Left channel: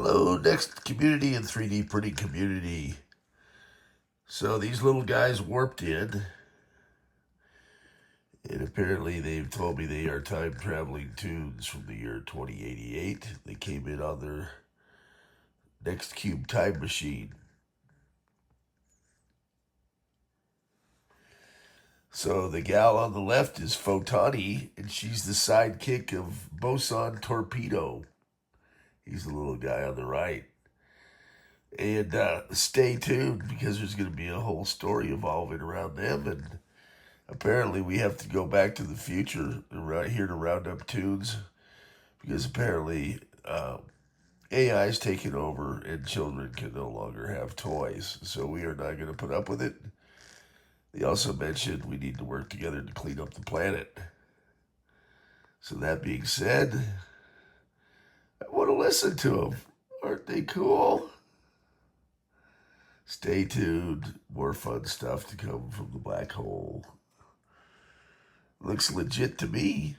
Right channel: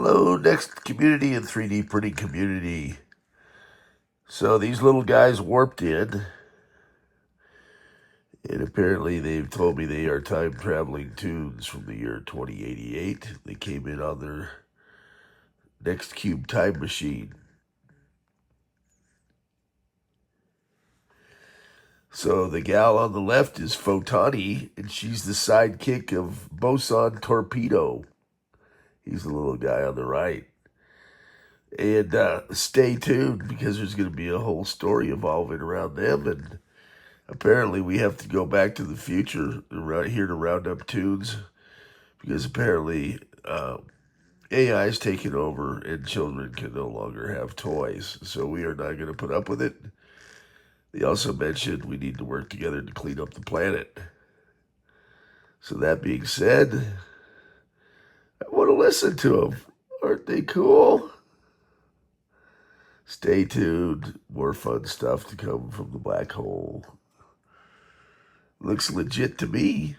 Hello, next community and 3D printing community. So these little guys warped in, and apparently they've told me they are time-traveling tunes from the year 2088. They came in on their next cube time machine. So the gal on the left is Photony, and she's the sidekick of Boson Torpedo. He's the little guy on the right. And stay tuned, because there's going to be a whole story evolving around them. And apparently we have to go back to the future right here to round up tunes, because apparently AI is taking over and children can no longer have toys. So we are not going to put up with it. They also mentioned we need to work together to clean up the planet. So that being said, I want to listen to them. Aren't they cool? Stay tuned. More fun stuff to come from the black hole. Looks legit to me.